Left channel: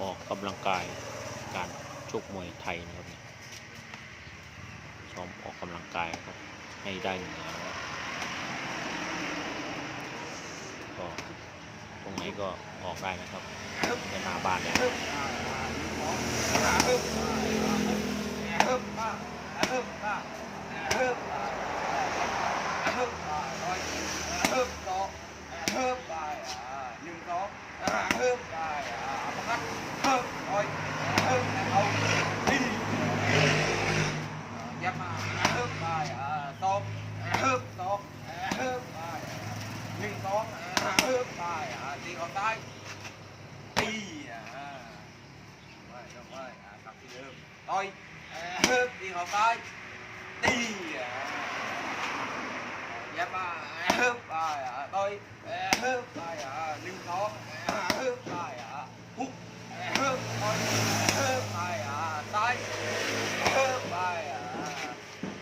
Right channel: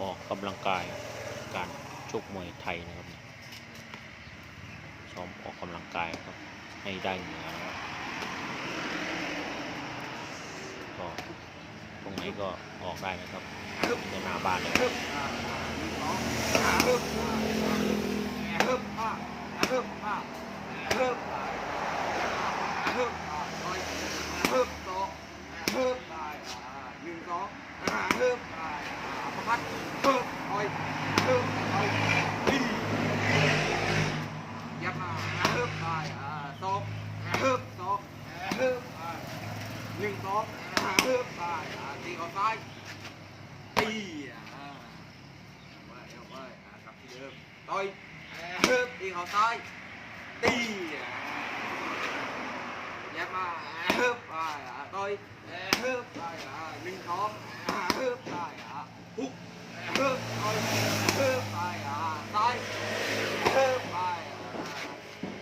ออกกำลังกายการชกมวยไทยนะครับเนี่ยซ้อมออกกำลังกายครับให้ได้เหนือนะครับก็ตรงไหนก็ออกได้นะครับนี่ก็หน้าบ้านเลยครับ หนึ่งสองเพิ่มไปอ่าตีออกซ้ายตีอ่าไม่ไม่อ่ากลับที่เดิมต่อยเพิ่มตีออก ซ้ายตีอ่ายับมาเพิ่มไปอ่าต่อยเพิ่มไปอ่าหนึ่งสองเพิ่มไปอ่าฮุกเพิ่มต่อยเพิ่มไปอ่าซ้ายเพิ่มไปอ่า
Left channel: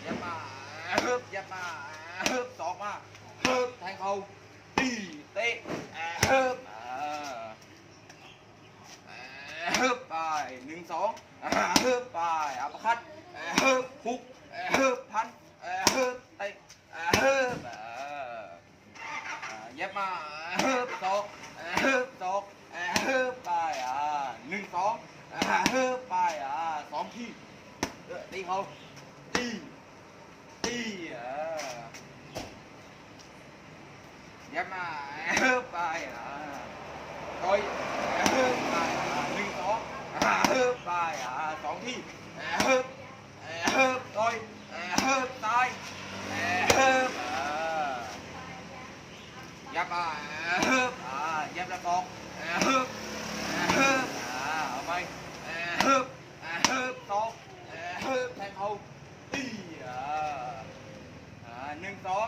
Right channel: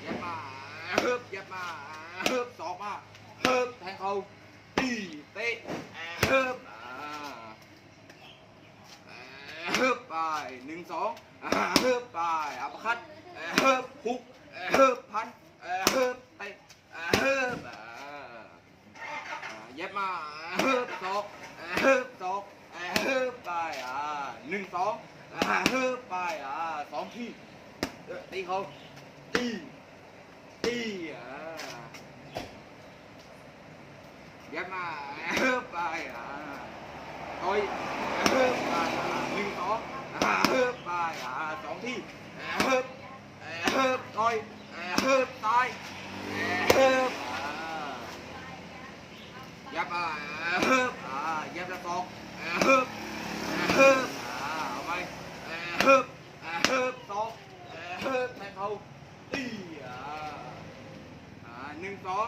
ยับมาเพิ่มยับมาเพิ่มสองมาเพิ่มแทงเขาตีเตะเฮิบเฮิบไปหนึ่ งสองเฮิบไปอัปคัดเฮิบฮุกเฮิบพันเฮิบเตเฮิบเย็บมาเฮิบสองเฮิบสองเฮิบไปหนึ่งสองเฮิบไปสองที่ตีเขาตีตีอ่าเยับมาเฮิบไปอ่าต่อยเฮิบไปอ่าหนึ่งสองอ่าเฮิบไป อ่าสองที่เฮิบอ่าเฮิบต่อยเฮิบซ้ายเฮิบอ่ายับมาเฮิบอ่ายับละสองเฮิบอ่าเฮิบอ่าเอาไปเฮิบอ่าเฮิบสองเฮิบแทงเขาตีอ่าอ่าหนึ่งสอง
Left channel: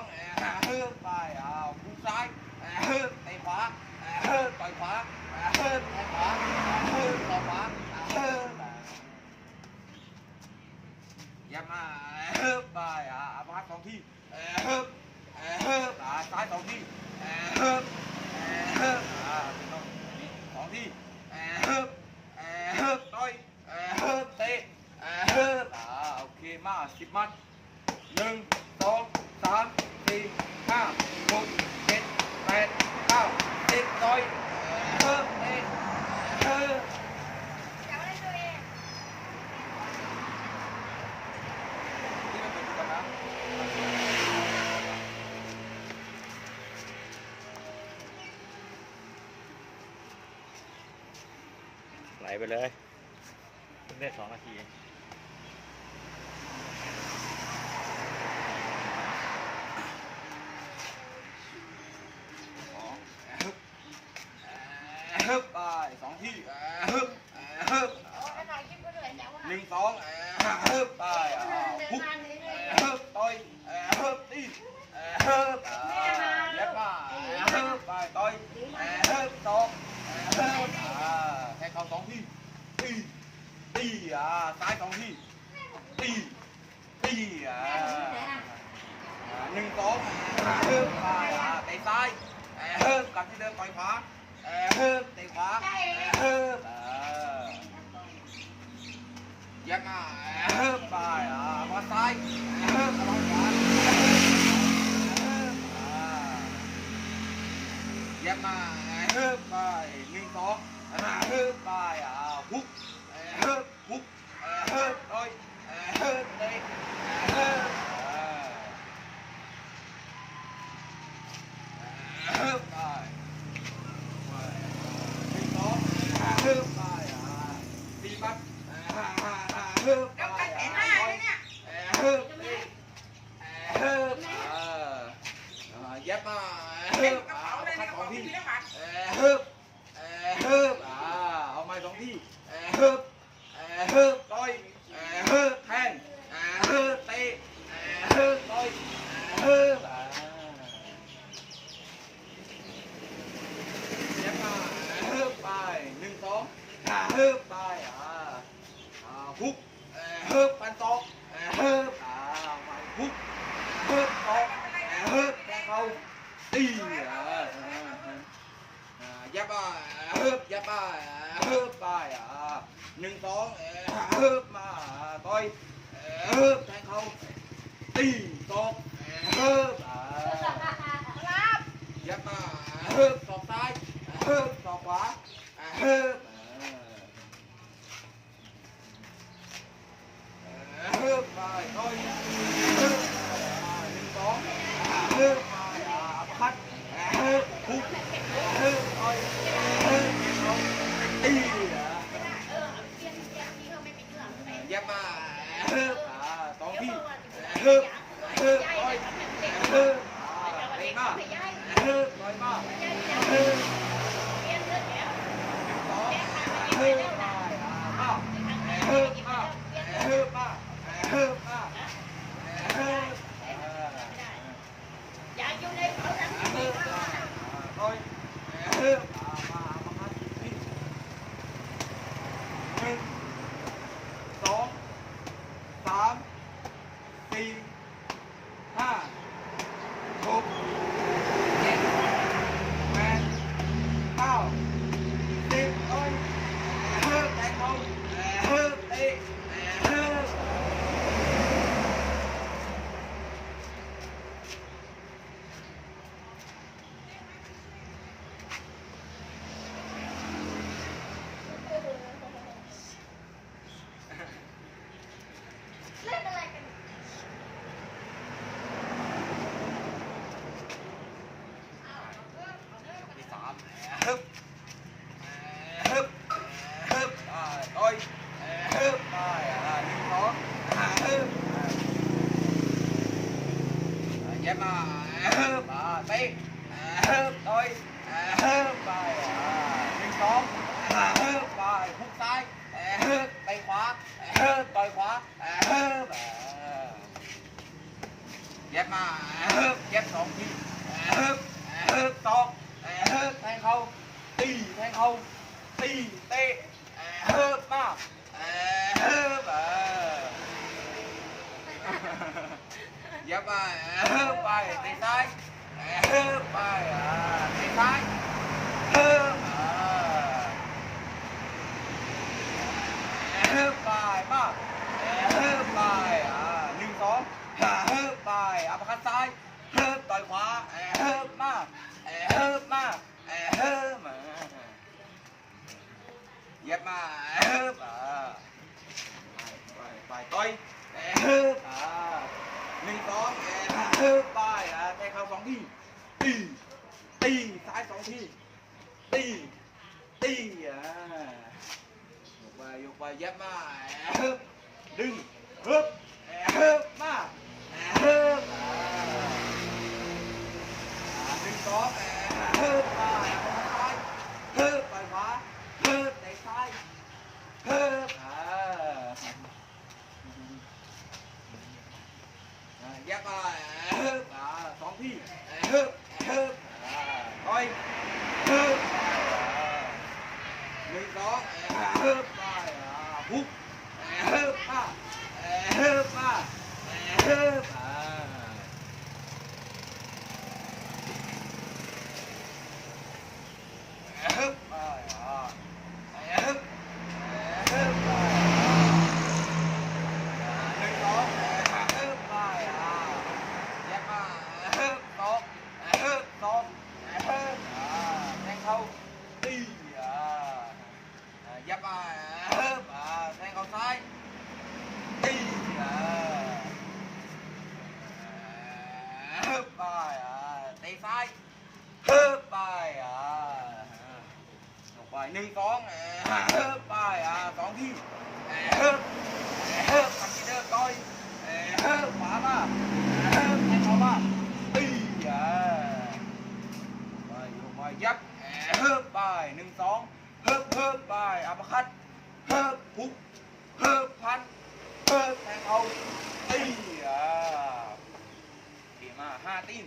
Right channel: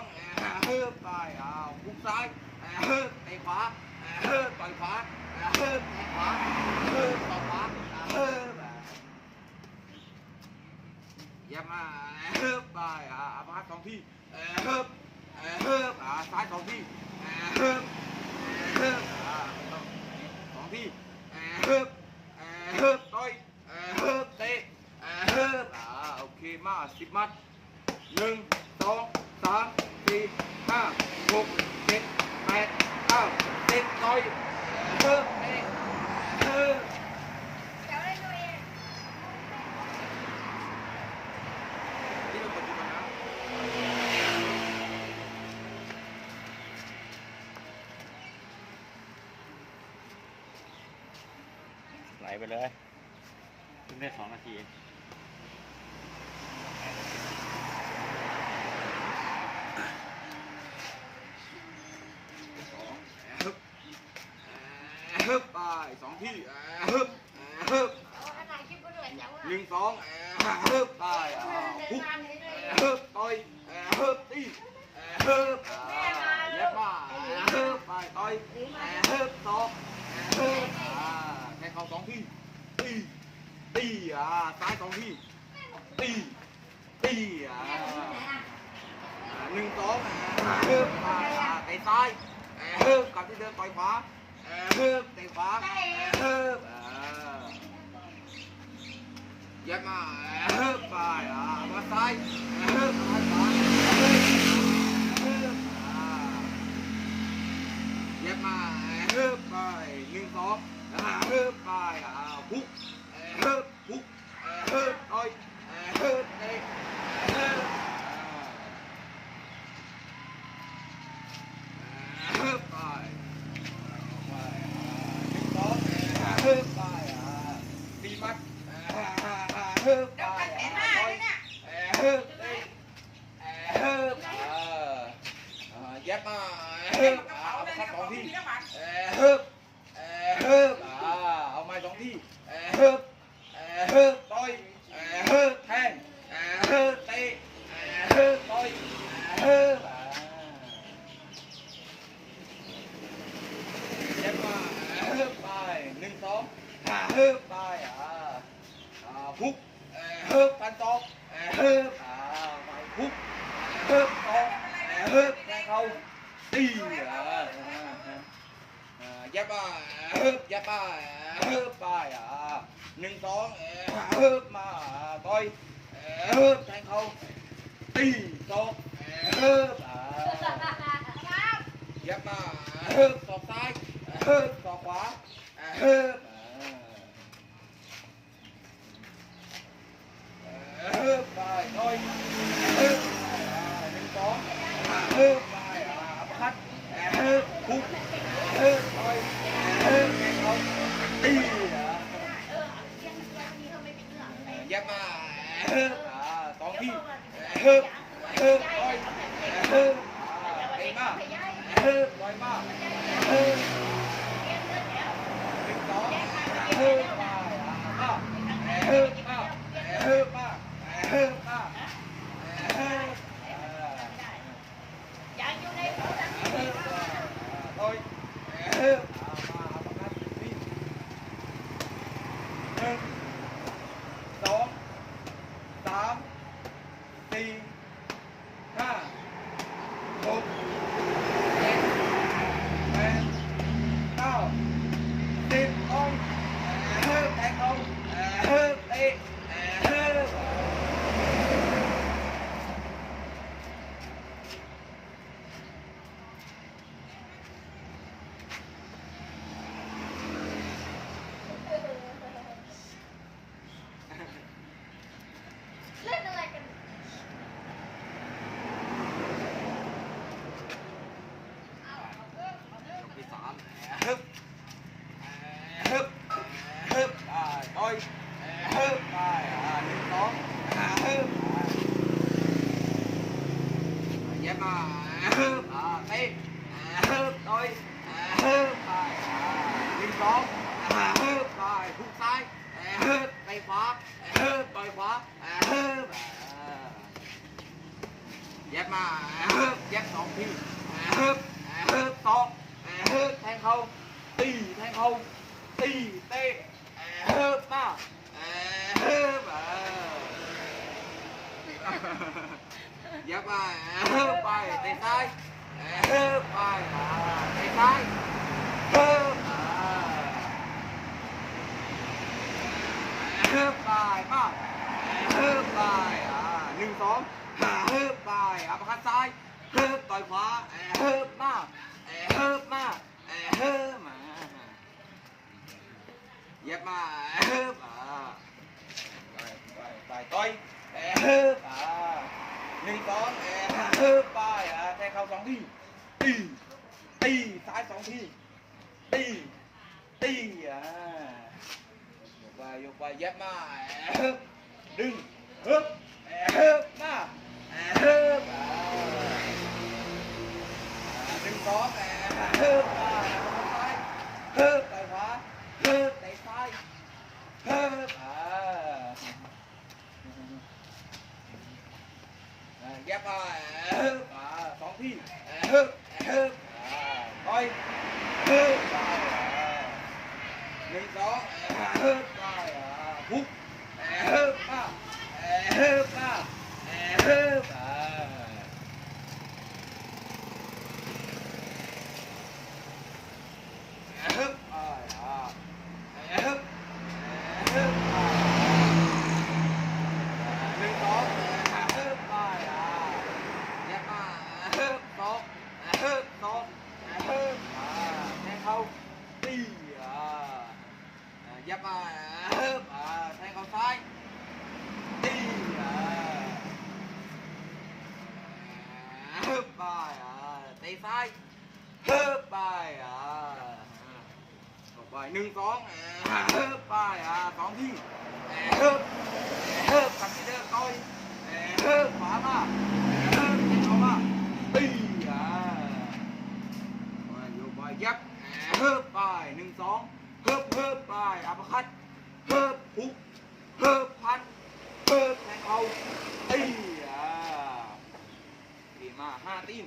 เฮิบไปอ่าหุกซ้ายเฮิบไอ้ขวาเฮิบต่อยขวาเฮิบแทงขวาอ่าเฮิบต่อยขวาอ่าเฮิบอ่าอย่า บาเฮิบไปอ่าอัปคัดสองที่เฮิบอ่าเฮิบอ่าซ้ายสองที่เฮิบอ่าเฮิบอ่าสองที่เฮิบอ่าเฮิบต่อยเฮิบเตะเฮิบอ่าโอเคมาสิบมัดหนึ่งสองสามสี่ห้าหกเจ็ดแปดเก้าสิบต่อยเพิ่มเองเพิ่มที่เราเปิดดูก่อนนะ ไปเลยเพิ่งได้สองนาทีฮึบไปสองที่ฮึบฮึบหนึ่งสองฮึบไปฮุกฮึบต่อยฮึบตีฮึบเล็บมาฮึบไปต่อยฮึบสองฮึบ เขาสองที่ตีตีอ่าซ้ายสองที่ตีตีอ่าหนึ่งสองเพิ่มไปเตะซ้ายเพิ่มกลับที่เดิมต่อยขวาเพิ่มเตะขวาเพิ่มยักมาเพิ่มไปมาซ้ายเพิ่มมาขวาเพิ่มยักมาเพิ่มไปหนึ่งสอง เพิ่มไปฮุกเพิ่มฮุกเพิ่มต่ อยเพิ่มเตะเพิ่มเพิ่มไปสองเพิ่มไปอ่าสี่มัดเพิ่มไปเพิ่มเลยเพิ่มอ่ายัดมาเอ่องที่เพิ่มเพิ่มอ่าเอาไม้สองที่เพิ่มเพิ่มต่อยเพิ่มแทงเพิ่มเตะเพิ่มต่อยเพิ่มอ่าเล็บมาเฮิบไปหนึ่งสองเฮิบไปอ่าพุกเฮิบปันตอกเฮิบอ่าไปพุกเฮิบตอกเฮิบแทงเขาตีอ่าอ่ายับไปฮึบยับไปฮึบไปอะหนึ่งสองฮึบมาต่เขาตีตกฮึบอะยับมาฮึบศอกซ้า ยฮึบศอกขวาฮึบฮึบไปต่อยฮึบไปอะห ตีอะยับมาฮึบอะสองที่ฮึบฮึบต่อยฮึบอะเตะมาฮึบต่อยมาฮึบหนึ่งสองฮึบไปอะมาฮึบมาฮึบมาฮึบมาฮึบอะ ฮึบอะต่อยฮึบอะมาเอามาครับนี่หนึ่งสองสามสี่ห้าหกเจ็ดแปดเก้าสิบลงฮึบแตะเขาฮึบเตะฮึบ เล่นอะไรกัน ที่สามฮึบฮึบฮึบอ่าต่อยฮึบไปอ่าหนึ่งสองฮึบอ่า เย็บมาฮึบอ่าเตะฮึบต่อยฮึบไปอ่าหนึ่งสอ เย็บมาฮึบไปเตะซ้ายฮึบไปอ่าเตะซ้ายฮึบอ่าฮึบไปมาฮึบไปหนึ่งสองเฮิบไปอัปคัดซ้ายเฮิบต่อยขวาเฮิบมาเฮิบมาเฮิบมเย็บมาเฮิบอ่าไปไปไปต่อยเฮิบอ่า หนึ่งสองเฮิบไปอ่าแทงเข่าสองทีตีตีซ้ายสองทีตีตีอ่ายกไปยกไปเย็บมาเฮิบดึงเฮิบเฮิบมาเฮิบอ่าหนึ่งสองเฮิบไปเอาเข้าซ้ายเฮิบไปขวาเฮิบเตะซ้ายเฮิบอ่าอ่าแยบไปเฮิบอ่าสองที่เฮิบเฮิบอ่าต่อยเฮิบไปอ่า หนึ่งสองฮิบไปอ่าฮุกเฮิบมาเฮิบมาเฮิบอ่า ฮึบอ่าอ่าฮึบฮึบอ่าหนึ่งสองฮึบอ่าอ่าเย็บมาฮึบสองฮึบสองฮึบอ่าแทงเขาตีอ่าเย็บมาฮึบอ่าแทงเขาซ้ายตีอ่าฮึบไปอ่าตีซ้ายฮึบไปอ่า ลงไป หนึ่งสองเอ่อเฮิบไปอ่าสองที่เฮิบเฮิบกันเฮิบต่อยเฮิบขวามาเฮิบแทงเขามาตีอ่าไปลงไปยับเฮิบไปหนึ่งสองเฮิบเฮิบไปอัปคัดเฮิบพุกเฮิบพัดเฮิบแทงเขาตีอ่าตีมาห้าตีน